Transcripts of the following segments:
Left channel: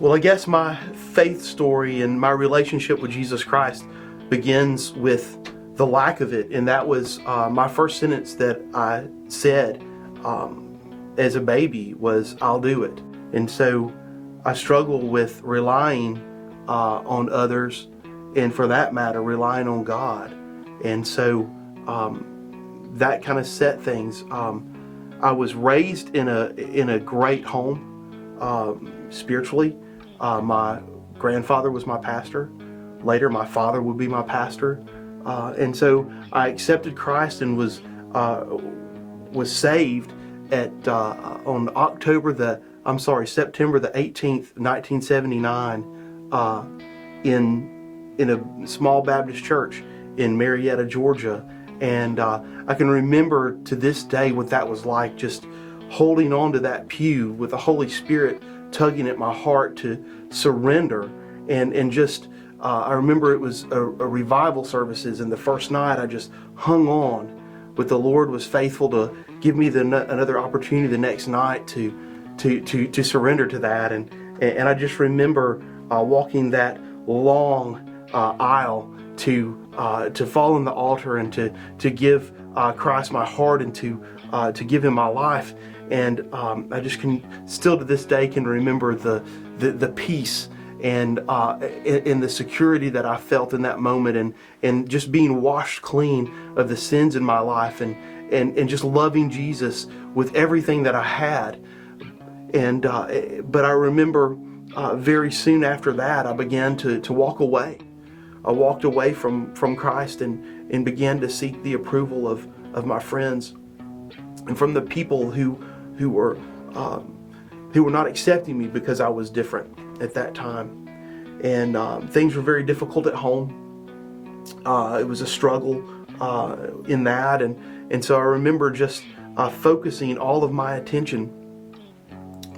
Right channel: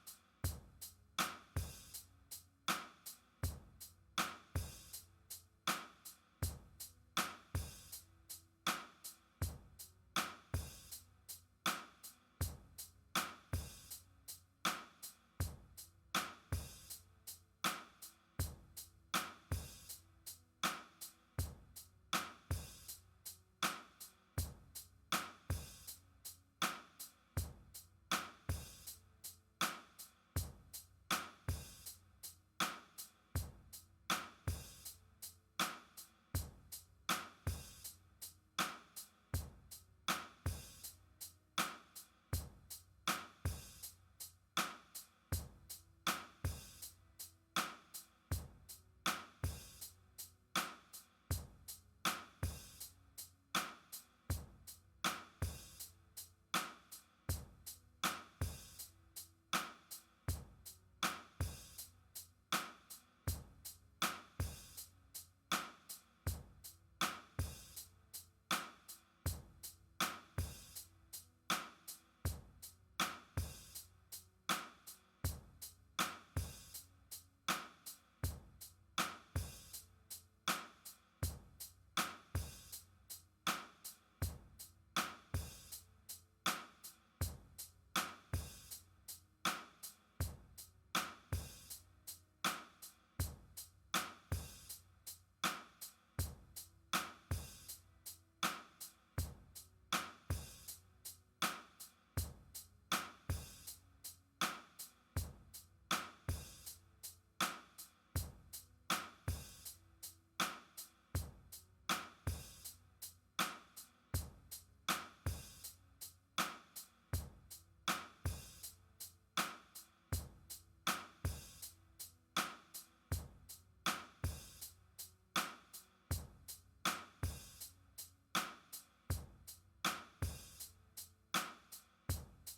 Well, I guess my faith story and my relationship with Jesus Christ begins with the lack of it. And that was my first sentence that I said as a baby was, "I'll do it." And so I struggle with relying on others, and for that matter, relying on God. And so that kind of set things. I was raised in a great home spiritually. My grandfather was my pastor. Later, my father would be my pastor. And so I accepted Christ and was saved at on September the 18th, 1979, in a small Baptist church in Marietta, Georgia. And I can remember to this day what that was like, just holding on to that pew with the Holy Spirit tugging at my heart to surrender. And just I remember it was a revival services, and the first night I just hung on, but the Lord was faithful to give me another opportunity the next night to surrender to that. And I just remember walking that long aisle to fall on the altar and to give Christ my heart and to give Him my life. And I just can still to this day can remember the peace and in the security that I felt in that moment, and just being washed clean of the sins in my life, and just loving Jesus with everything that I had. And but I remember very soon after that I began to walk away. I walked away from Christ and began to seek the approval of my friends and from the people who were not accepting me because I was different at that time. And things were very difficult at home. It was a struggle in that, and so I remember just focusing all of my attention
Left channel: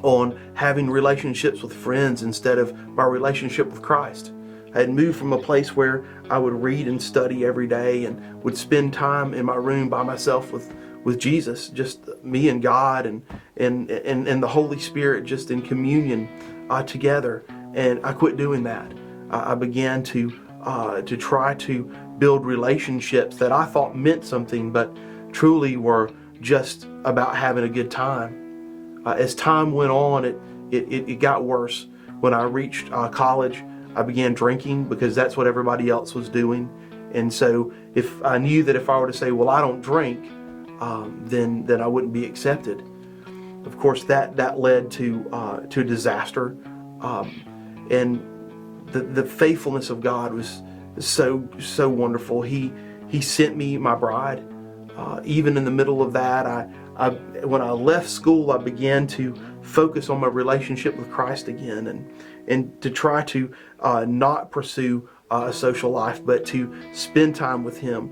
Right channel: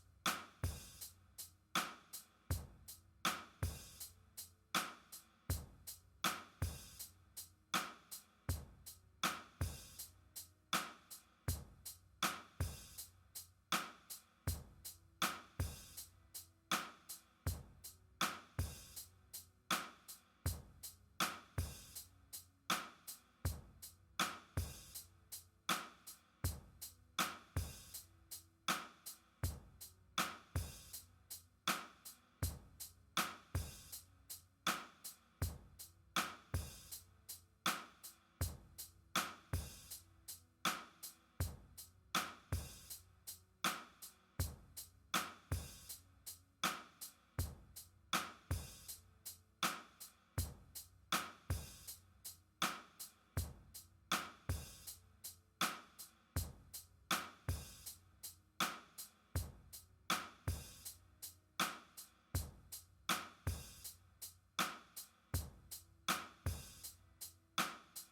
on having relationships with friends instead of my relationship with Christ. I had moved from a place where I would read and study every day and would spend time in my room by myself with Jesus, just me and God and the Holy Spirit, just in communion together. And I quit doing that. I began to try to build relationships that I thought meant something, but truly were just about having a good time. As time went on, it got worse. When I reached college, I began drinking because that's what everybody else was doing. And so if I knew that if I were to say, well, I don't drink, then I wouldn't be accepted. Of course, that led to a disaster. And the faithfulness of God was so wonderful. He sent me my bride. Even in the middle of that, when I left school, I began to focus on my relationship with Christ again, and to try to not pursue a social life, but to spend time with Him.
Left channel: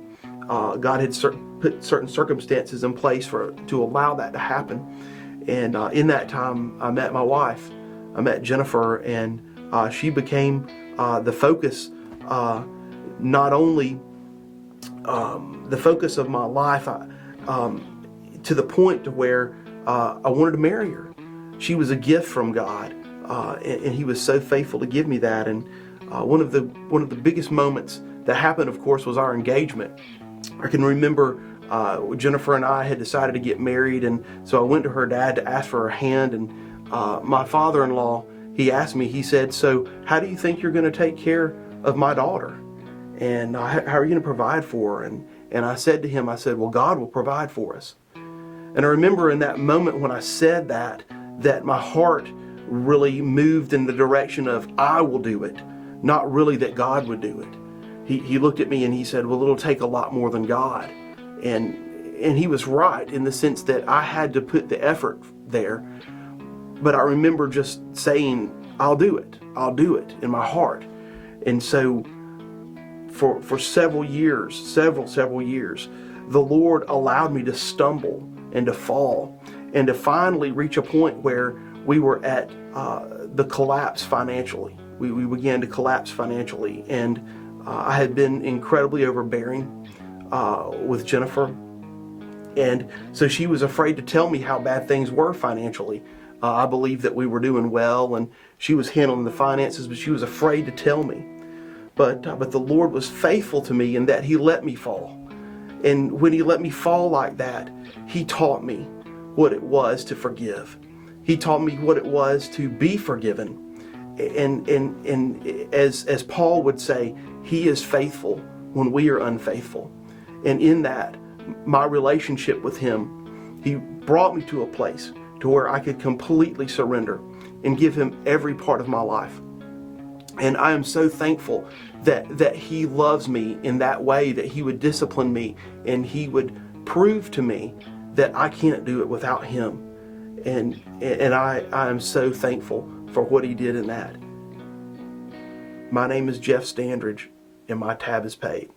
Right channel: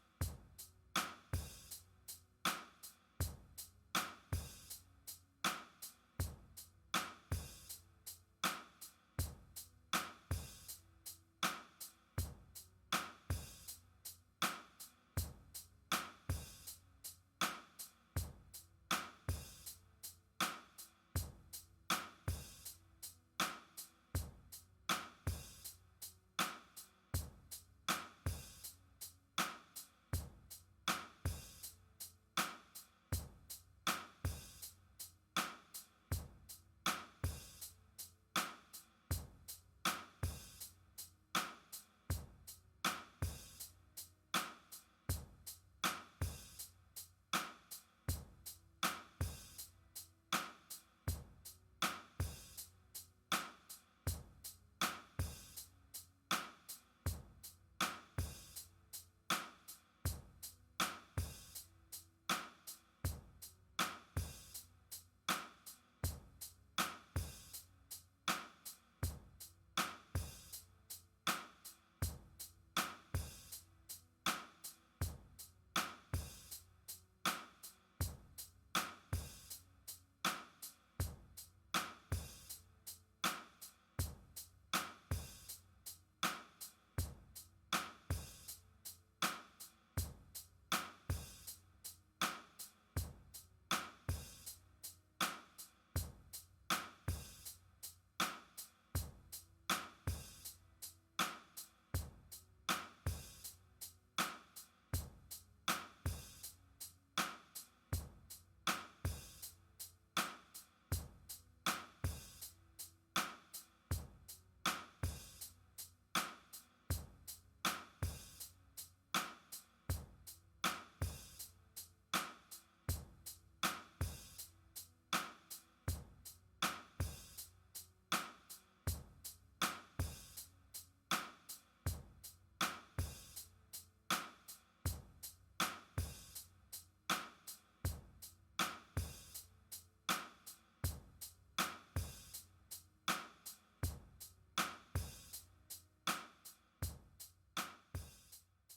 God had put certain circumstances in place to allow that to happen. And in that time, I met my wife. I met Jennifer, and she became the focus, not only the focus of my life, to the point to where I wanted to marry her. She was a gift from God, and He was so faithful to give me that. And one of the biggest moments that happened, of course, was our engagement. I can remember Jennifer and I had decided to get married, and so I went to her dad to ask for her hand. And my father-in-law, he asked me, he said, "So how do you think you're going to take care of my daughter? And how are you going to provide for her?" And I said to him, I said, "Well, God will provide for us." And I remember in that moment when I said that my heart really moved in the direction of I will do it, not really that God would do it. He looked at me and he said, "Well, it'll take a lot more than God." And he was right in the sense that I had to put the effort there. But I remember just saying, I'll do it in my heart. And so for several years, the Lord allowed me to stumble and to fall and to finally reach a point where we were at the collapse financially. We began to collapse financially, and I had been incredibly overbearing with Jennifer, And so she was afraid to tell me how bad things were financially. I believed that we were doing well and she was handling the finances, but she was afraid to tell me. But the Lord was faithful to me in that He let me fall. And when He let me fall like that, He taught me what it was to forgive. He taught me what it was to be forgiven. And as Paul would say, He is faithful when we are unfaithful. And in that, my relationship with Him, He brought me to a place to where I could completely surrender and give Him every part of my life. And I am so thankful that He loves me in that way, that He would discipline me and He would prove to me that I can't do it without Him. And I am so thankful for what He did in that. My name is Jeff Standridge, and my tab is paid.